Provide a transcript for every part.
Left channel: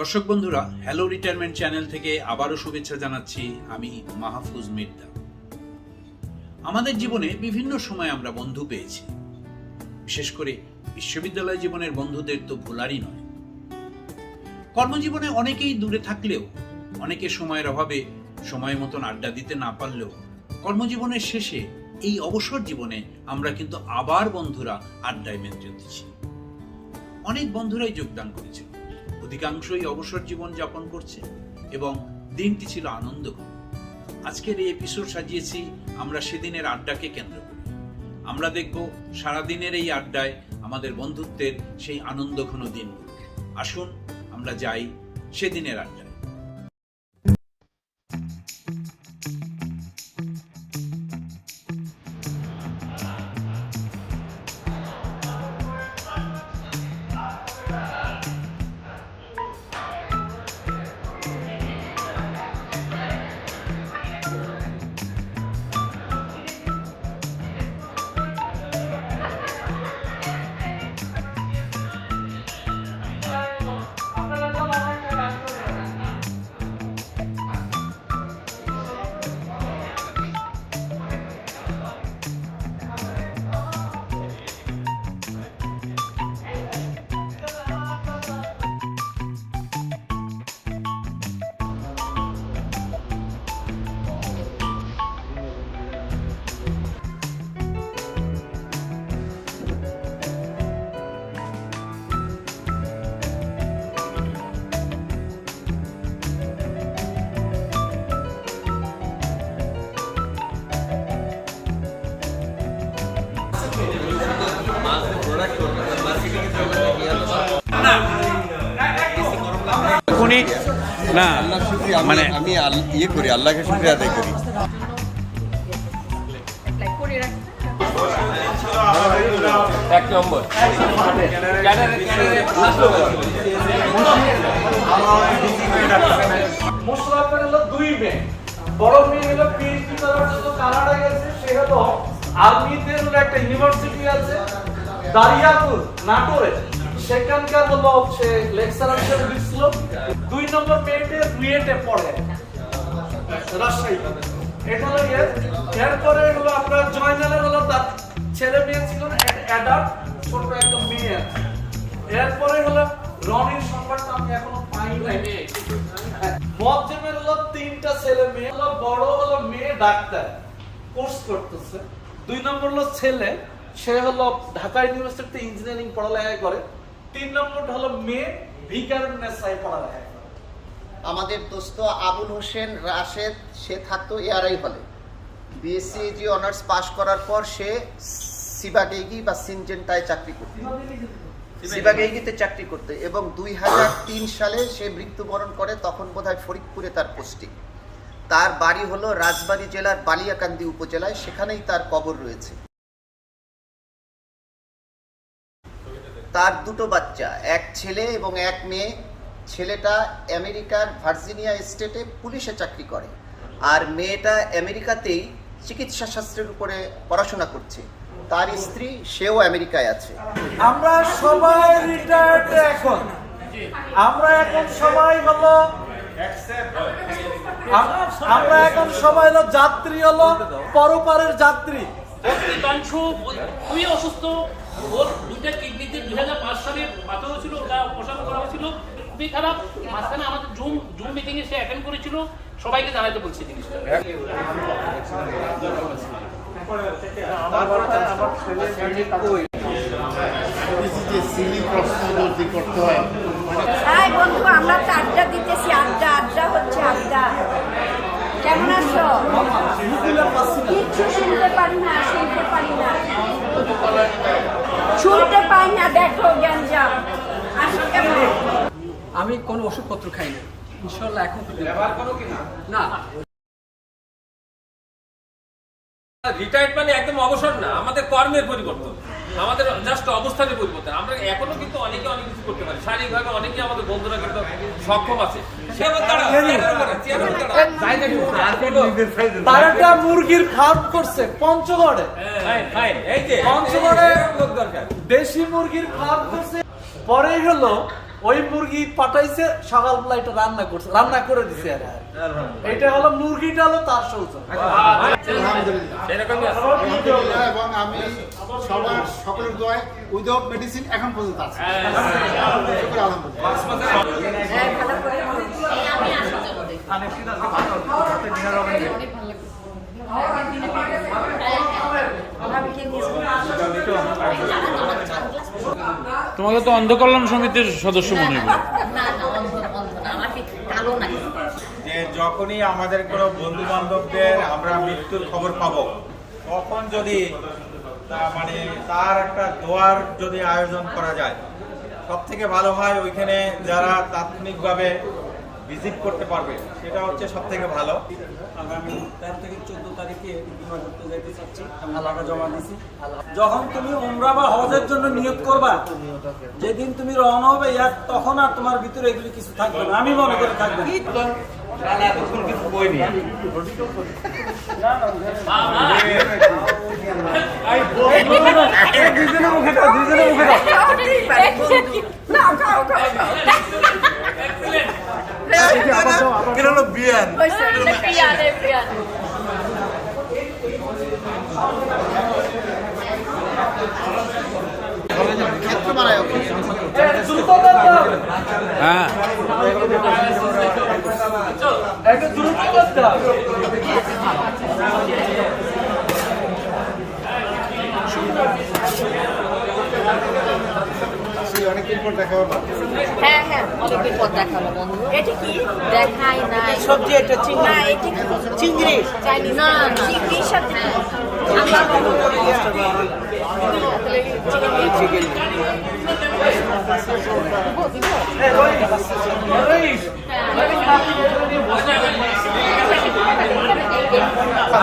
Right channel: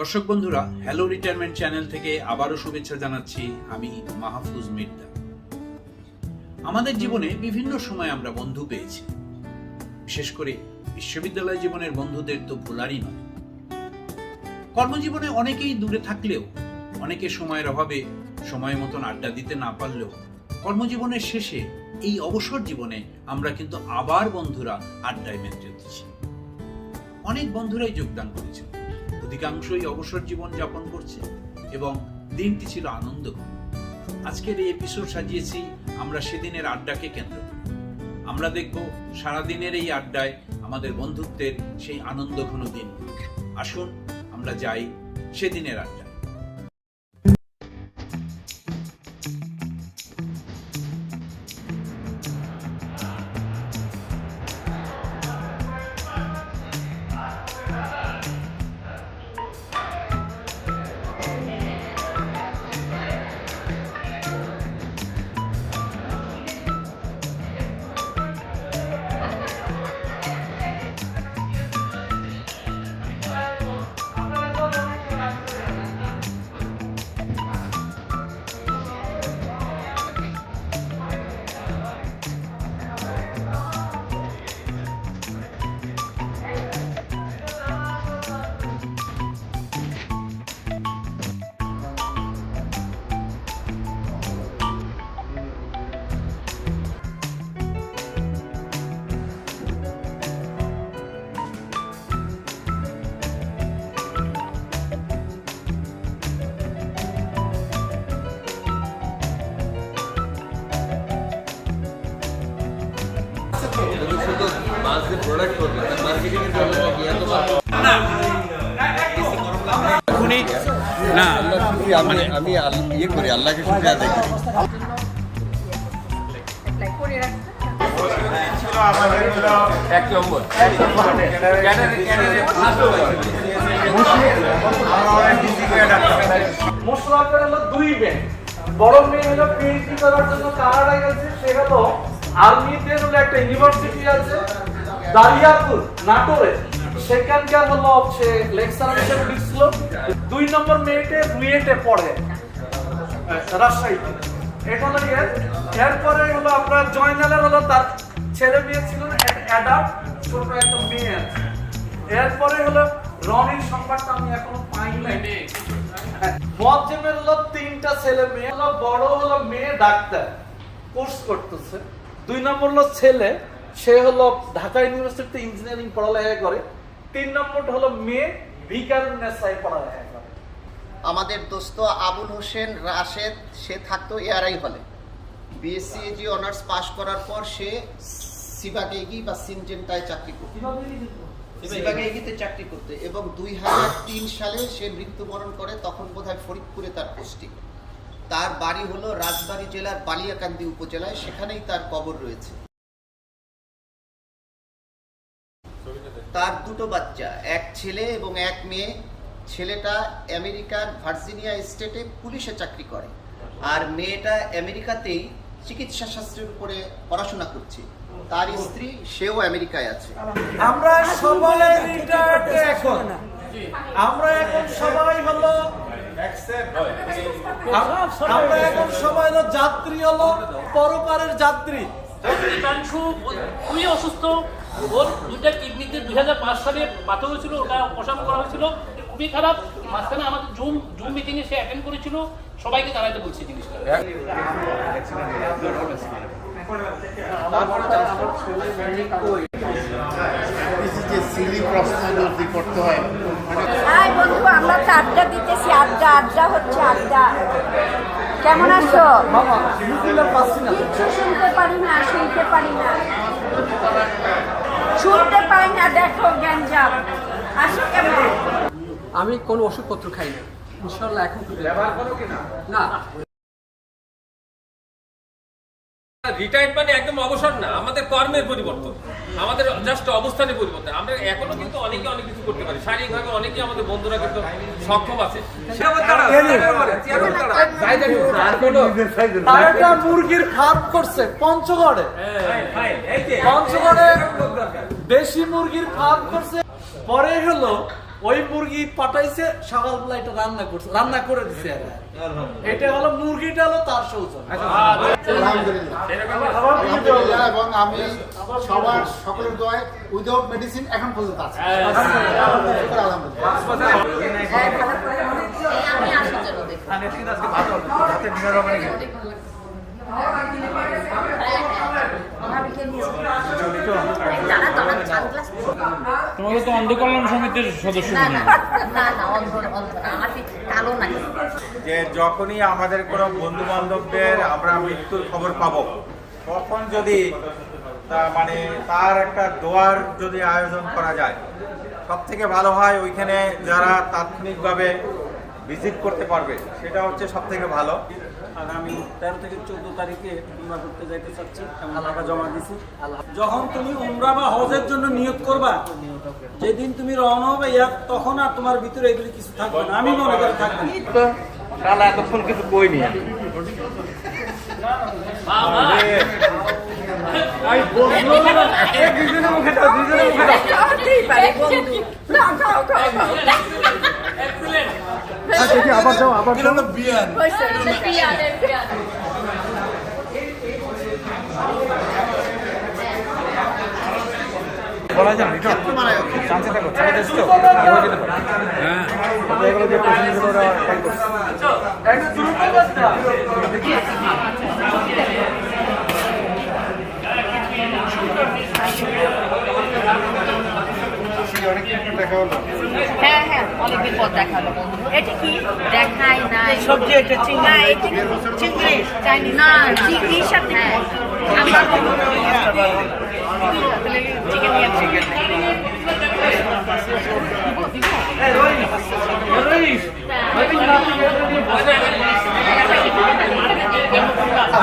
দর্শক বন্ধুরা, hello retirement channel থেকে আবারও শুভেচ্ছা জানাচ্ছি। আমি মাহফুজ মির্জা। আমাদের জীবনে বিভিন্ন সময় আমরা বন্ধু পেয়েছি, বিশেষ করে বিশ্ববিদ্যালয় জীবনের বন্ধুদের তো ভোলারই নয়। কর্মজীবনে অনেকেই দূরে থাকলেও, অনেকে সময়ের অভাবে সময় মতন আড্ডা দিতে না পারলেও, কর্মজীবনের শেষে এই অবসর জীবনে আমরা কিন্তু আবার বন্ধুরা আড্ডায় মেতে উঠেছি। অনেক বন্ধুরাই যোগদান করেছে, অধিকাংশই অবসর জীবন যাপন করছে এবং দিনটি ছিল আনন্দঘন। আজকের এই এপিসোড সাজিয়েছি আমরা সেদিনের আড্ডাকে কেন্দ্র করে। আমরা দেখব সারাদিনের এই আড্ডায় আমাদের বন্ধুত্বের সেই আনন্দঘন দিন। আসুন আমরা যাই সেদিনের আড্ডায়। আমি ইয়ে করি, আল্লাহকে শুকরিয়া আদায় করি। এক নম্বর মশলা হলো দুই মেয়ে, বড় মেয়ে হলো পিএইচডি করার জন্য কানাডায় গেছে। সে হলো আলমিতে একটা ইউনিভার্সিটি আছে দারিয়াপুর নাটোরে, সেখানকার হলো সে লেকচারার হিসেবে দিচ্ছিল। দুই নম্বর মেয়েতে বুয়েটে পড়ে রাজশাহী। এটা হলো এরপরে হলো আপনার জয়নালের হলো তার ছেলে মেয়ে ছিল না, অ্যাডাম ছোট একটা মেয়ে আছে। এরপরে হলো রনির সংবাদটা আমি এখনো পাই নাই। মজ্জেমের হলো তিনটা ছেলে মেয়ে, হলো বড় হলো মেয়ে ডাক্তার কোর্স করতেছে। দুই নম্বর হলো ছেলে, সে হলো ঢাকা ইউনিভার্সিটিতে ইঞ্জিনিয়ারিং পড়ালেখা করে। তিন নম্বর হলো মেয়ে ভিকারুন্নেসায় পড়ালেখা করে। আমাদের দোস্ত আবুল হোসেন রাশেদ, সে থাকতো এআরআই হলে। বিএসসি অনার্স পাশ করার পর সে সিবাগেইগি বা সিনজেন্টায় চাকরি করত, সিবাগেইগিতে চাকরি করতে, এবং 2003 সালে সে মৃত্যুবরণ করে। তখন বোধহয় ফরিদপুরে তার পোস্টিং। তার বাড়ি হলো রাজবাড়ী জেলার বালিয়াকান্দি উপজেলায়, সেখানেই তার কবর রয়েছে। তার দুটো বাচ্চা, এক ছেলে এবং এক মেয়ে। ছেলেটা আমেরিকার ভার্জিনিয়া স্টেটে পুলিশে চাকরি করে, আর মেয়েটা আমেরিকাতেই চিকিৎসা শাস্ত্রের উপরে পড়াশোনা করছে। তার স্ত্রী, সেও আমেরিকায় আছে। আমরা সবাই রিটায়ার্ড এখন। আমরা এখন সবাই হলো যাত্রী, হলো পরপারের যাত্রী। অধিকাংশ খুবই অসুস্থ। ওর দুইটা কিডনিতে 2005 সালে পাথর হয়েছিল, ওটা অপারেশন করা হয়েছিল, খুবই খারাপ। মাঝখানে আমাদের জুম মিটিং এ সে অ্যাটেন্ড করেছিল, সবাইকে জানাতে বলছি জিনিসটা। বন্ধু, আমরা তো আড্ডা দিতেছি, আড্ডা হচ্ছে আড্ডা। কেমন আছো? কিচ্ছু শুনতে পারি না, শুনতে পারি না, দেখো গ্যাঞ্জাম। আসো কেমন? আমি কোনো ওষুধপত্র খাই না, ইনশাল্লাহ। এখন না, রিটায়ার্ড মানে একদম অবসর না, আমাদের কর্মের পরিবর্তন, আমাদের জাস্ট অবস্থানের পরিবর্তন। আমরা এখনো কিন্তু অনেকে অনেক কিছু করতে পারি, শারীরিকভাবে অনেকে আমাদের বন্ধুরা কিন্তু সক্ষম আছে। মুরগির ফার্ম করছে পঞ্চগড়ে, দেশি মুরগির ফার্ম করছে। পরে হলো ওই মুরগি পাঠাইছে, সকালবেলা এটা রান্না করে দিছে। এটা হলো মুরগিটা হলো তার সৌজন্য। আলহামদুলিল্লাহ, এবং আমি সকলের দোয়ায় উইদাউট মেডিসিন এখন পর্যন্ত আছে। আলহামদুলিল্লাহ। হ্যাঁ, ভালো করে আমি আসার জন্য দেখুন। তোমাকে তো অন্ধকল্যাণ সমিতির সদস্য মনে হয়। না না, অন্ধ না, আমার কালো নাকি। যে যখনই আমাদের কোনো বন্ধু বান্ধবদের আমরা মৃত্যুর খবর পাবো, তখন যদি মানে তার একটা দোয়ার যদি আয়োজন করা যায়, সব থেকে ভালো হয়। ওইখানে যারা তাৎক্ষণিকভাবে ভিজিট করতে পারবে, সেটা হচ্ছে সব থেকে ভালো। আগামী 13 থেকে 14 তারিখে উমরা করতে যাইতে চাচ্ছি, টাকা জমা দিছি। যখন তুমি উমরা বা হজের জন্য নিয়ত করবা, যেদিন তুমি রওনা হবে, তখন আর তোমার ভিতরে এগুলি কিছু থাকবে না, আমি মনে করি থাকবে না। এতক্ষণ কিছু বইনি। বিয়ান হ্যাঁ, হ্যাঁ হ্যাঁ, অনেকদিন পর দেখা হলো। এটা কি দেখাই না সবজি? এটা চিংড়ি চাইনিজ না, চিংড়ির সাথে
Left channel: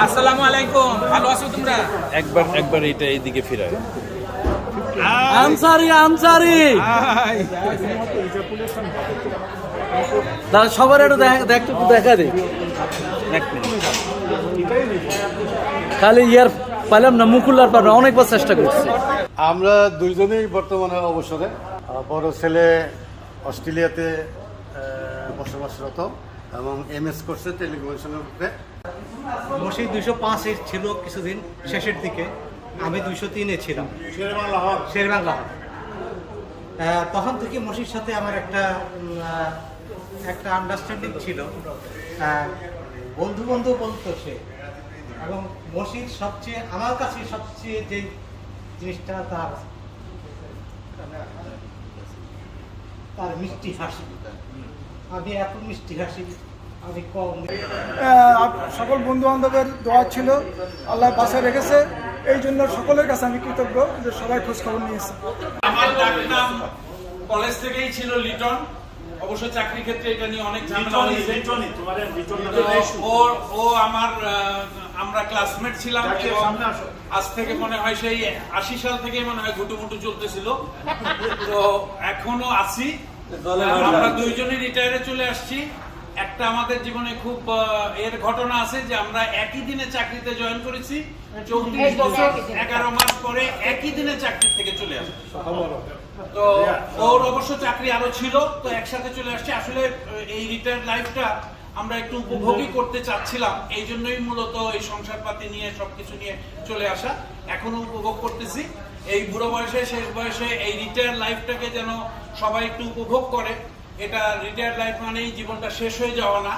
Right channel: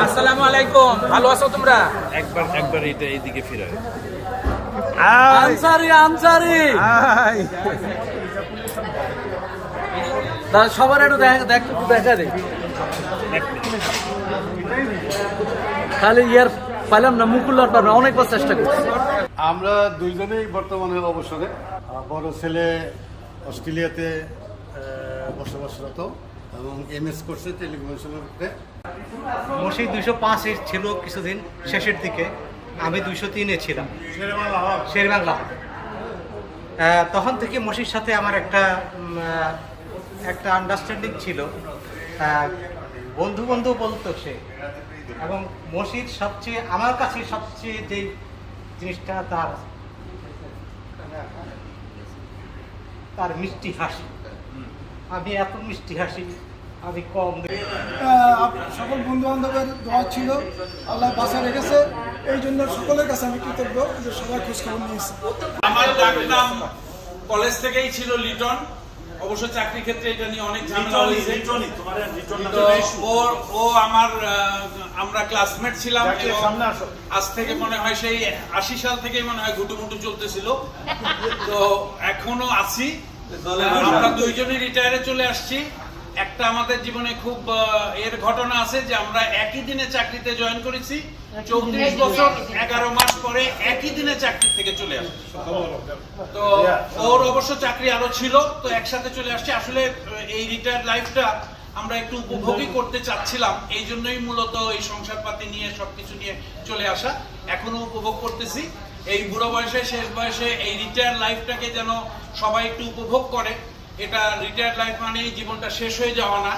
আসসালামু আলাইকুম, ভালো আছো তোমরা? একবার এটা এইদিকে ফিরাও। আনসারি সবার একটু দেখা দে, খালি ইয়ার পাইলাম না, মুকুল্লার পারবে, অনেকবার চেষ্টা করছি। আমরা দুইজনেই বর্তমানে অবসরে। বড় ছেলে অস্ট্রেলিয়াতে বসবাসরত এবং MS করছে টেলিকমিউনিকেশনের উপরে। মসি 205 ছিল কিছুদিন শেষের দিকে, আমি 203 ছিলাম শেরবাংলা। তখন থেকে মসির সাথে আমার একটা আন্ডারস্ট্যান্ডিং ছিল, বন্ধু বলতো সে। এবং মসির সবচেয়ে আমার কাছে সবচেয়ে যে জিনিসটা তার মিষ্টি হাসি। আমি এত মিষ্টি হাসি আমি কম। সকল বন্ধু বান্ধবের দোয়া ছিল, আল্লাহ বাসায় রেখেছে, এই জন্য সকলের কাছে আমি কৃতজ্ঞ যে সবাই খোঁজ খবর নিয়েছে। আমার ডাক নাম কলেজ থেকেই ছিল লিটন। অবশ্য চাকরি ক্ষেত্রে এটা নিয়ে অনেক ঝামেলা হয়েছে। তো ও আমার আমরা ক্লাসমেট ছিলাম, এবং আজ থেকে মনে হয় সেই 80 সাল থেকেই মনে হয় ঘুটুমুটু চলতেছিল। তো এখনো আছি। আমরা দুইজনই রিটায়ারে চলে আসছি। একটা আমাদের জীবনে খুব এর ঘটনা আছে যে আমরা একই দিনে চাকরিতে জয়েন করেছি। 34 বছর 11 মাস পরে একই দিনে চাকরি থেকে চলে আসছি। তো ওর অবশ্য চাকরি আরো ছিল, তো একসাথে চলে আসছে। আসলে এই রিটায়ার্ড লাইফটা আমরা একটু উপভোগই করতে চাচ্ছিলাম, এই জন্যই মূলত এই সংসারপাতি নিয়ে সবকিছু নিয়ে চলে আসা। এখনো উপভোগ করতেছি। এই বুড়ো বয়সে, শেষ বয়সে এই রিটায়ার্ড লাইফটাকে যেন সবাই একটু উপভোগ করে। এটা রিটায়ার্ড লাইফ মানেই জীবনটা শেষ হয়ে যাওয়া না।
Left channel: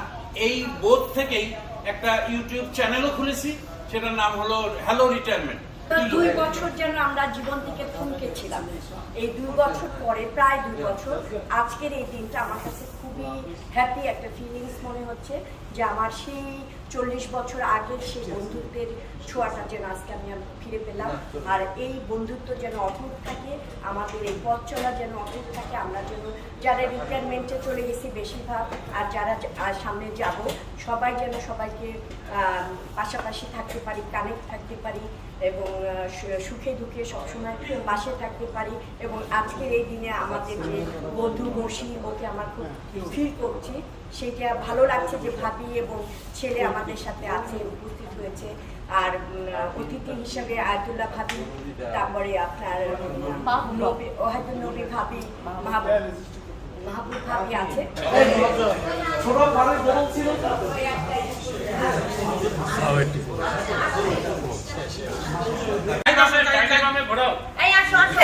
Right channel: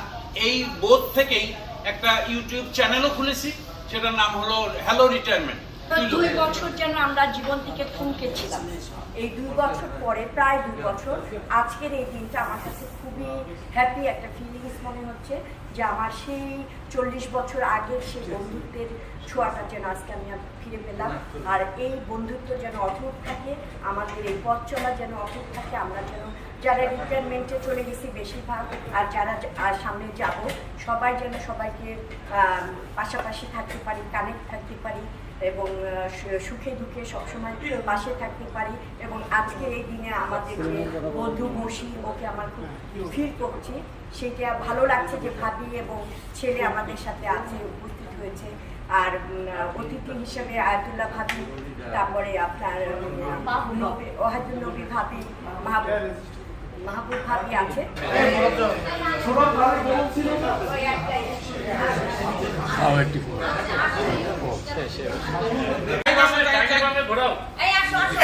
এই বোধ থেকেই একটা ইউটিউব চ্যানেলও খুলেছি, সেটার নাম হলো হ্যালো রিটায়ারমেন্ট। 2 বছর যেন আমরা জীবন থেকে থমকে ছিলাম। এই 2 বছর পরে, প্রায় 2 বছর, আজকের এই দিনটা আমার কাছে খুবই হ্যাপি একটা ফিলিংস মনে হচ্ছে যে আমার সেই 40 বছর আগের সেই বন্ধুত্বের ছোঁয়াটা যেন আজকে আমি ফিরে পেলাম। আর এই বন্ধুত্ব যেন অটুট থাকে, আমাদের এই পথ চলা যেন অটুট থাকে। আমরা যেন যারা রিটায়ারমেন্টে চলে গেছি বেশিরভাগ, আর যারা সামনে যাব, সবাই যেন সবাইকে পাশাপাশি থাকতে পারি, কানেক্ট থাকতে পারি, এবং সুখে দুঃখে সবসময় পাশে থাকতে পারি। এবং আজকের এই দিনে আমাদের যে বন্ধু মসি, ওকে আমার খুব ফিল করছি, সেটা ভালো লাগছে যে ভাবি এবং ছেলে আমাদের সাথে আছে, উপস্থিত হয়েছে। আর অতিথি হিসেবে আয়াতুল্লাহ ভাবি, তারপরে আপনার ওহাদুল নবী ভাবি, মাহবুব ভাবি আছে। ছোট ভাবি কেমন ছিল না? এই আসো আসো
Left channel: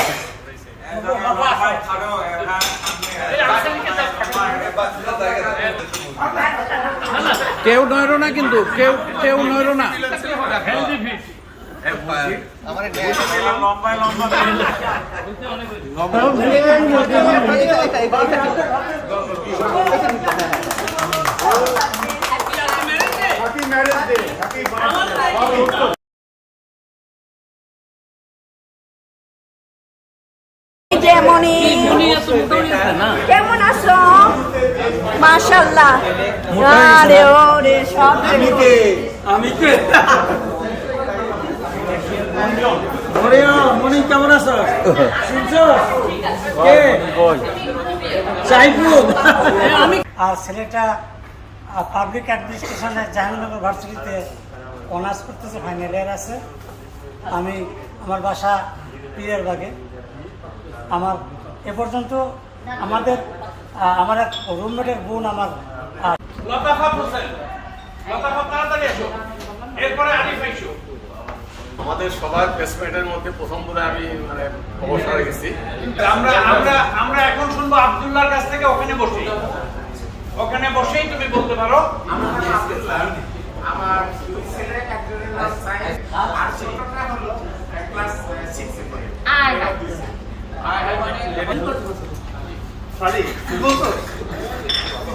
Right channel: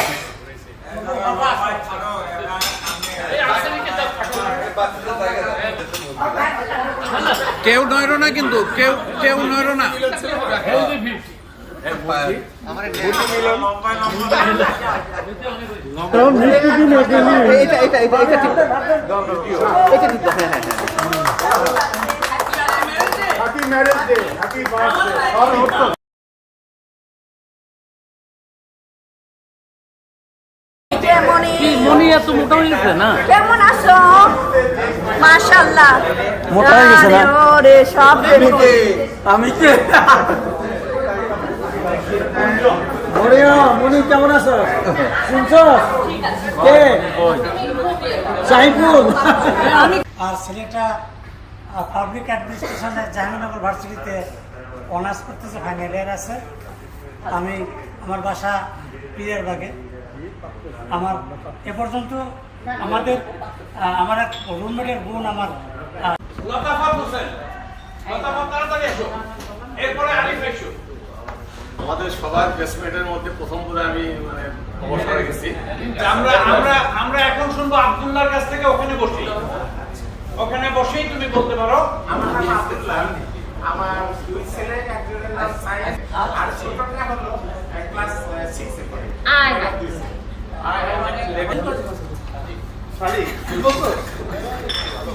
কেউ নয়রো না, কিন্তু কেউ নয়রো না। কেমন আছো? মাশাআল্লাহ, আরে ওরে সব আমি কে মনি কেমন আছো? শুনছো কে? সাইফুল। আর ছেলেটা পাবলিক অ্যাডমিনিস্ট্রেশনের জাহাঙ্গীরনগর ভার্সিটিতে অনার্স করতেছে, ফাইনাল ইয়ার আছে। আমি আমার বাসা পিয়ারবাগে। আমার এ পর্যন্ত আমার এক রুমমেটের বোন আমার লতাফাত হোসেন, লতাফাত তাড়াতাড়ি এসো, এরপরে আরিফ এসো। আমাদের সবার বেসমেন্টের মধ্যে প্রথম করে আমি মানে অবসরে গেছি। আমরা এখন শুনবো আব্দুল্লাহর কাছ থেকে। ওখানে বসেই তুমি বলতে পারো। আমার দুই ছেলে, একজনের নাম সায়েন্স আর ছোটটা হলো ক্লাস 6 এ পড়ে। আয় শালি বলতো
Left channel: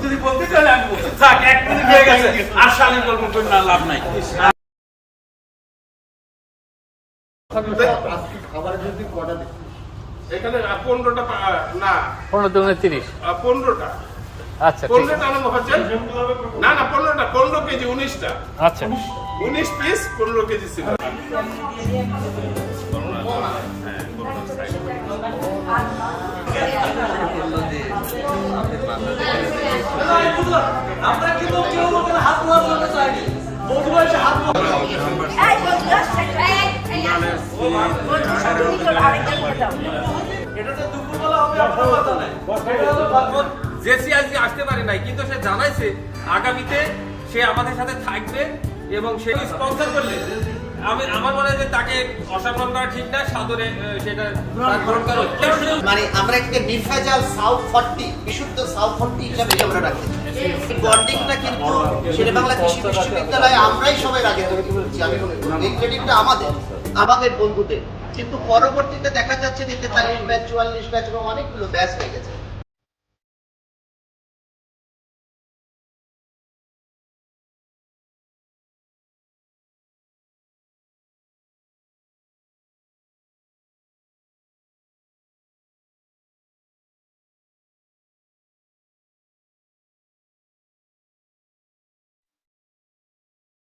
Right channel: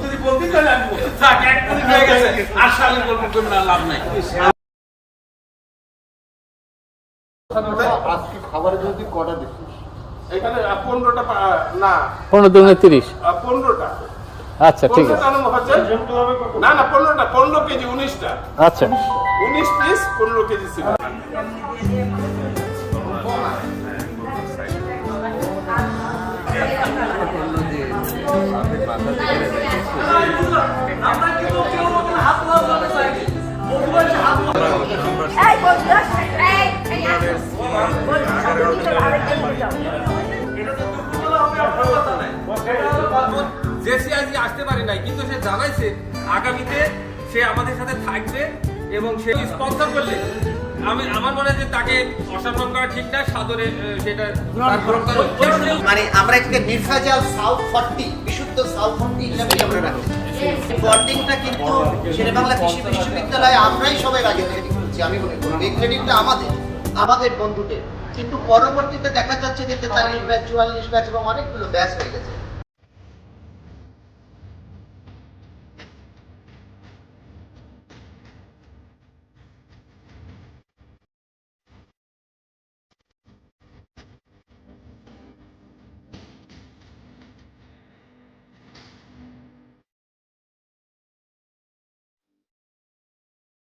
যদি বলতে চাই আমি বলতে থাক। 1 মিনিট হয়ে গেছে, আর শালি বলবো তো না, লাভ নাই। আজকে খাবারের যদি কটা দিচ্ছি এখানে 15টা না 15 দুগুণে 30। 15টা। আচ্ছা ঠিক আছে। না 15টা, 15 কেজি 19টা। আচ্ছা 19 পিস 15 কেজি ছিল। এই বন্ধু বন্ধু সব ভিতর আরেকজন যাও। জেসি আজকে আসতে পারে নাই, কিন্তু সে জানাইছে আগামীতে সে আমাদের সাথে থাকবে এবং সে স্পন্সর করলে আমার মনে হয় যে তাকে অসম্মান করা ঠিক না, সাদরে সেটা তার গ্রহণ করা উচিত। মানে আমরা একটা নির্ভেজাল সাউথ 40 বিশুদ্ধ সাউথ 40 হিসাবেই আমরা রাখতে চাই। বন্ডিংটা কিন্তু শেরেবাংলা কৃষি বিশ্ববিদ্যালয়ে আমরাই সবাই আগে তৈরি করেছি। আমি মনে করি এই ক্রেডিটটা আমাদের বন্ধুদের। কিন্তু পরবর্তীতে দেখা যাচ্ছে যে 43 ব্যাচ 44 ব্যাচ এবং অনেকগুলো ব্যাচ হয়ে গেছে।